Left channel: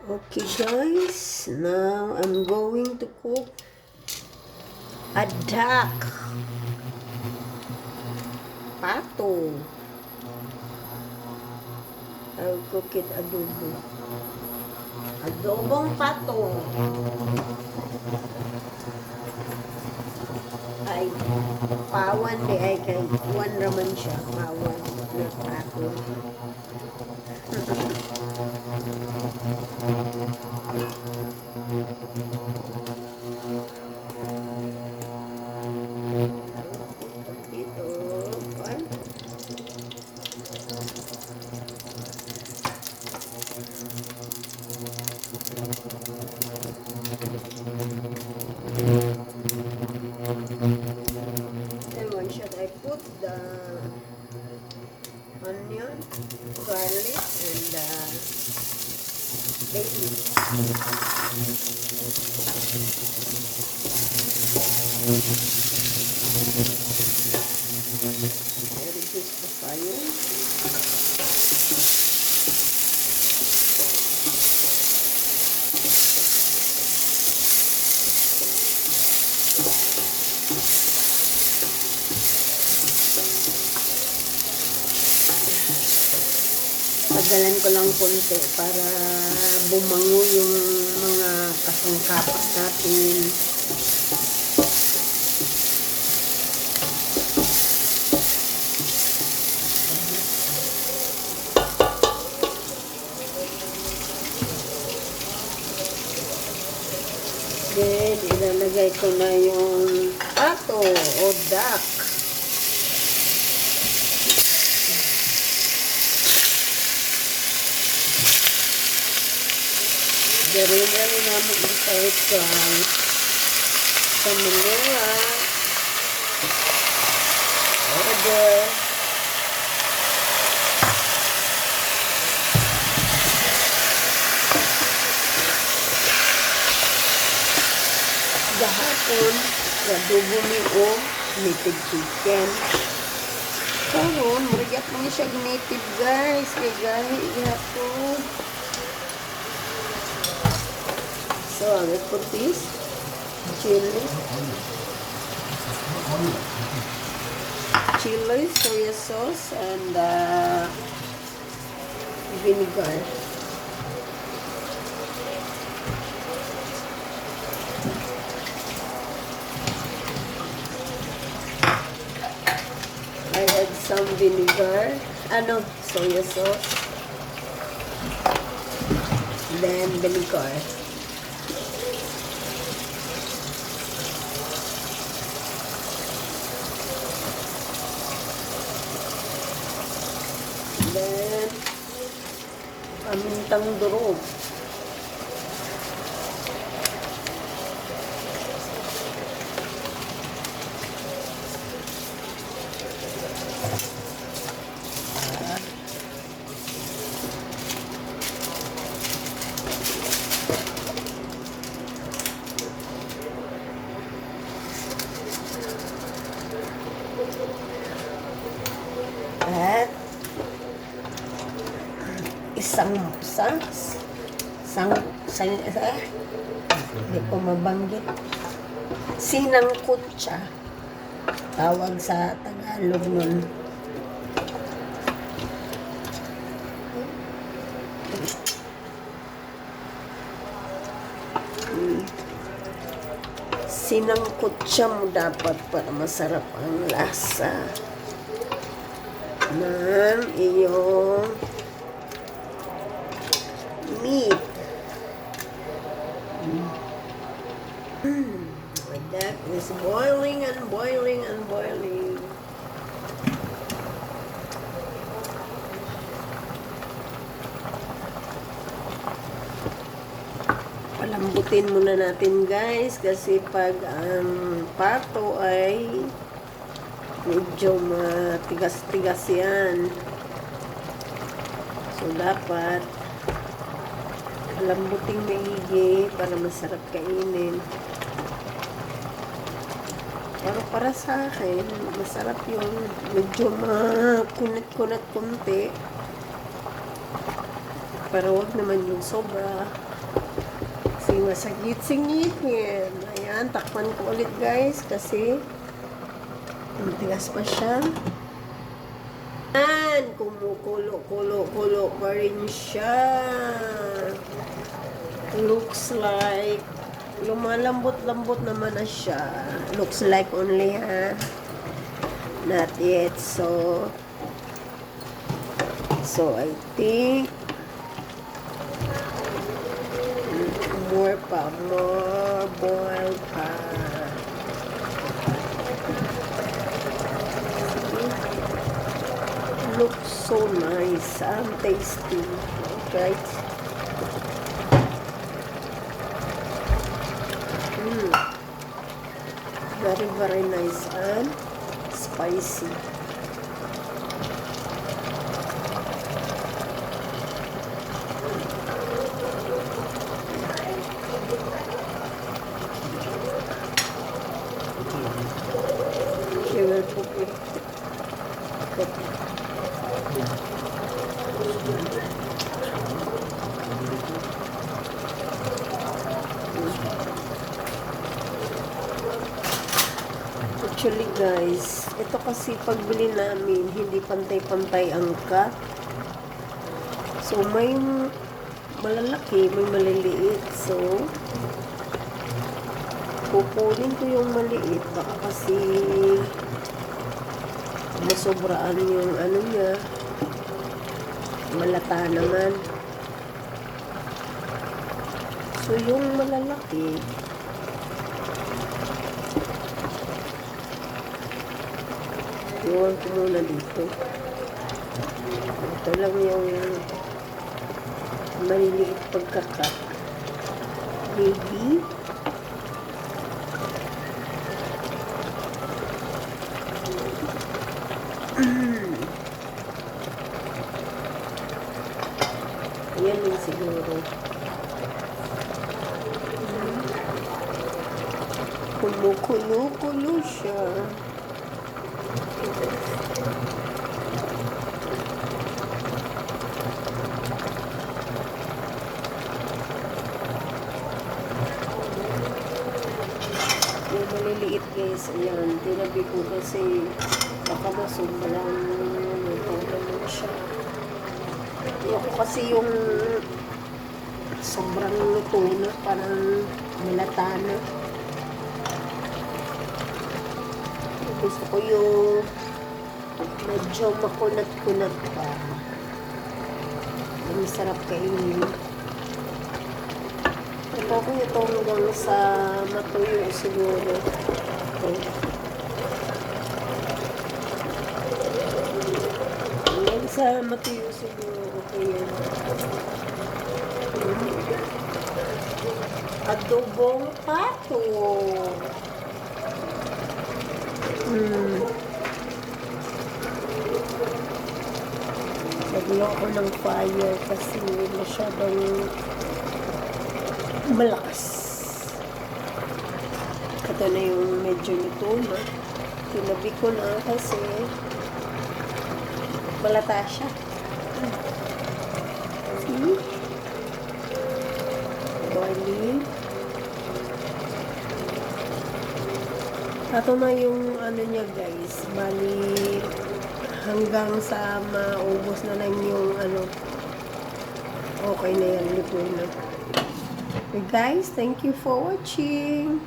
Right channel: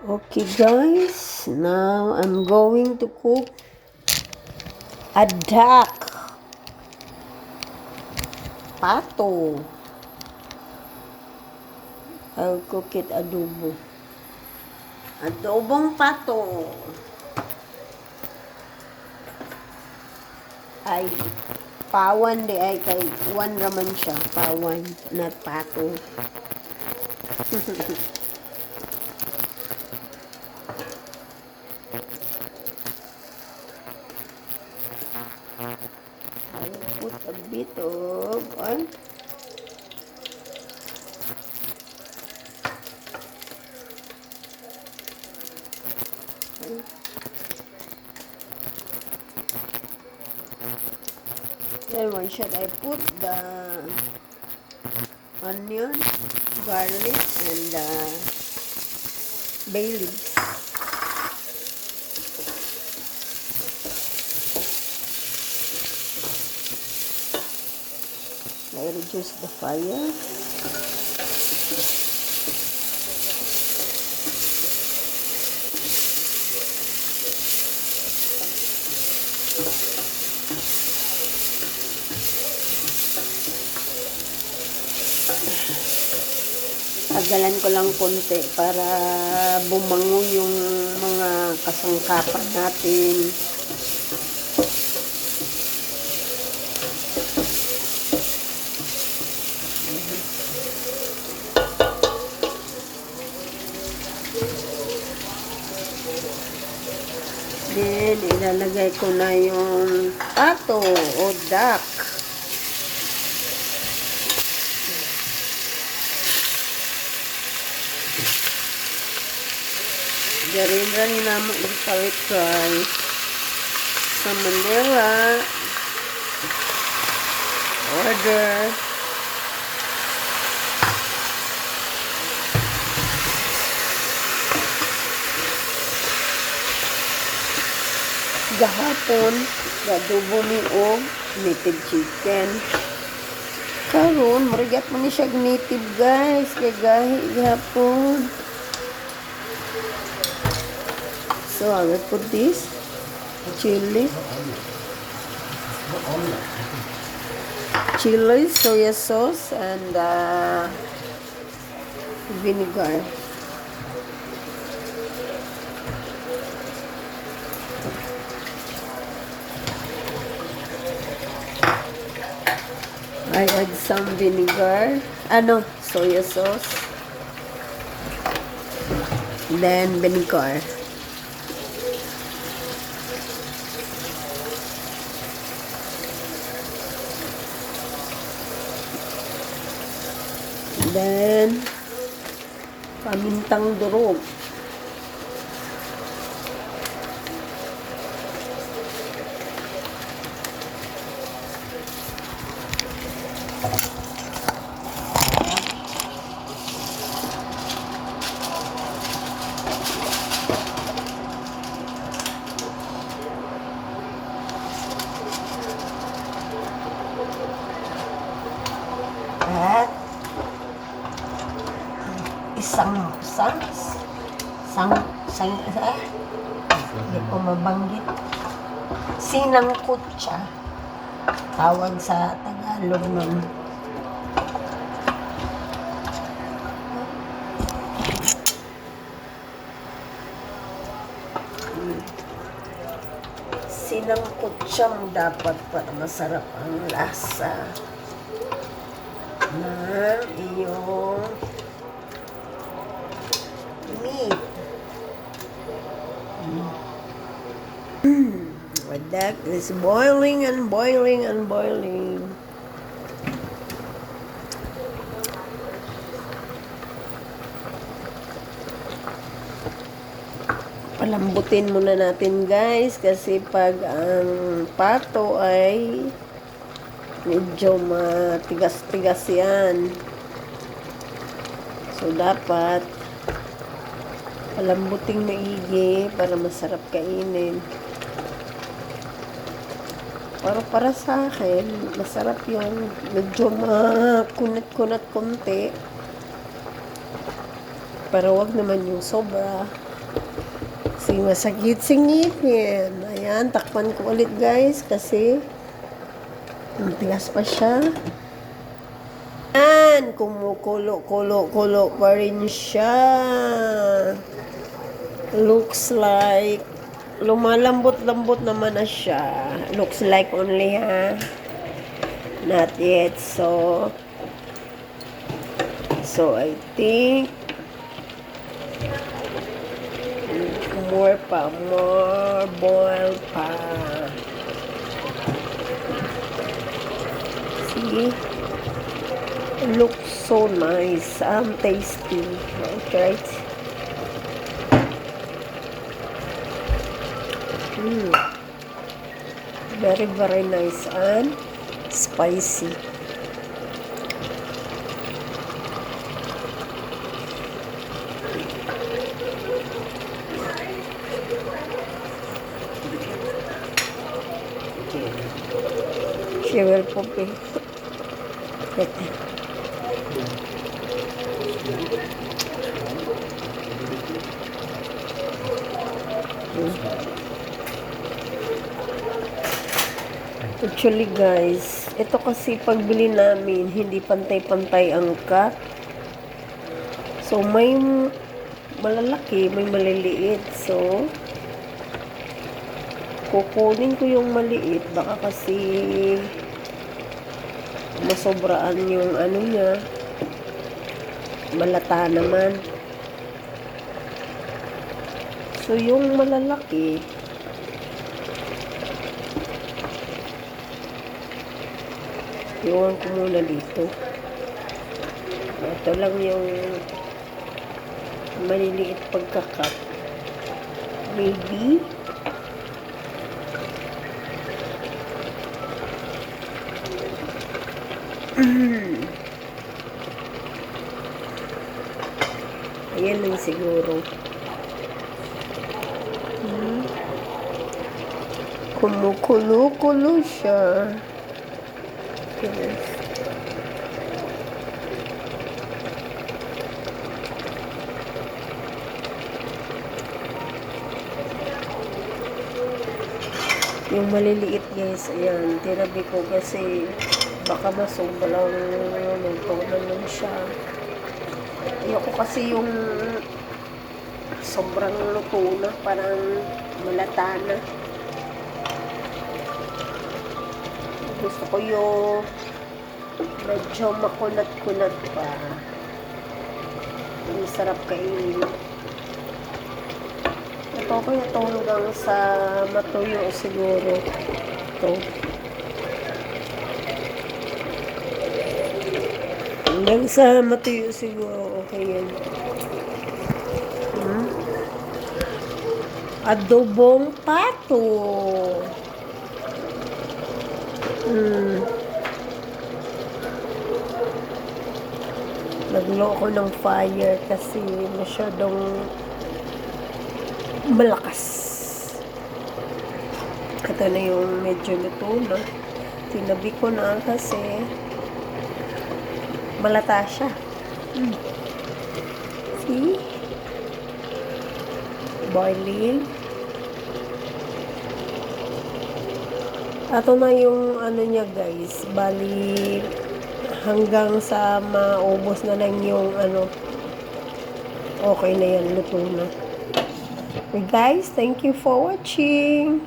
Okay guys, now I'm going to cook a duck pato. I'll cook it adobo. Adobong pato. Ay, pawan di ay kay one raman siya. Pawan, not pato. I'll put a bit of oil. Then one shot I put the onion, garlic, and bay leaf. I reduce the fire. Pagalan ko lang konti para bumango yung mga kasangkapan natin. Then, ilalagay ko na yung pato o duck. Garingan namin yung curry rice sa Manila. Order. Gahapon, adobo ni o native chicken. Karon, marigat man siya native guys. Kaya gahi gahapon. So I will put this chili, soya sauce, and vinegar. I had some vinegar, soya sauce, then vinegar. Then, pamintang durog. At hindi ko mabanggit. Sinangkot siya. Tawag sa Tagalog nun. Sinangkot siya mo dapat para masarap ang lasa ng iyong meat. And that is boiling and boiling and boiling. Palambutin muna natin guys kasi pag ang pato ay medyo matigas-tigas yan. So dapat palambuting maigi para masarap kainin. Para sa akin, masarap yung medyo makunat-kunat konti. Pero wag naman yung sobra. Kasi masakit singipin. Ayan, takpan ko ulit guys kasi matigas pa siya. Ayan, kumukulo pa rin siya. Looks like lumalambot-lambot naman na siya. Looks like only ha. Not yet. So I think more boil pa. See? Looks so nice. Tasty. Okay. Very, very nice and spicy. She will cook it. Actually guys, ito kasi pagbili namin, hindi pantay-pantay ang cut. So may malalaki, may maliliit. So kukunin ko yung maliit, baka kasi masobraan yung ano niya, malata naman. So yung malalaki iwan ko muna dito. Ito lang yung maliliit pagkakat. Maybe ayan lang siguro. Kumukulo siya. Yung maliliit guys, ayan, tinabi ko kasi baka masobraw naman siya. Ayoko kasi yung sobrang luto na, parang malata na. Gusto ko yung medyo makunat-kunat pa. Ang sarap kainin. Ito ko ito hanggang sa matuyo siguro. Ito. Hanggang sa matuyo siguro. Okay yan. Adobong pato. Naglo ko ng fire kasi masyadong malakas. Ito na yung medyo luto na. Tinabi ko na kasi malata siya. See? Boiling. Ito na yung ano niya guys. Bali hanggang sa maubos na lang yung ano. Okay na yan. Luto na. Okay guys, thank you for watching.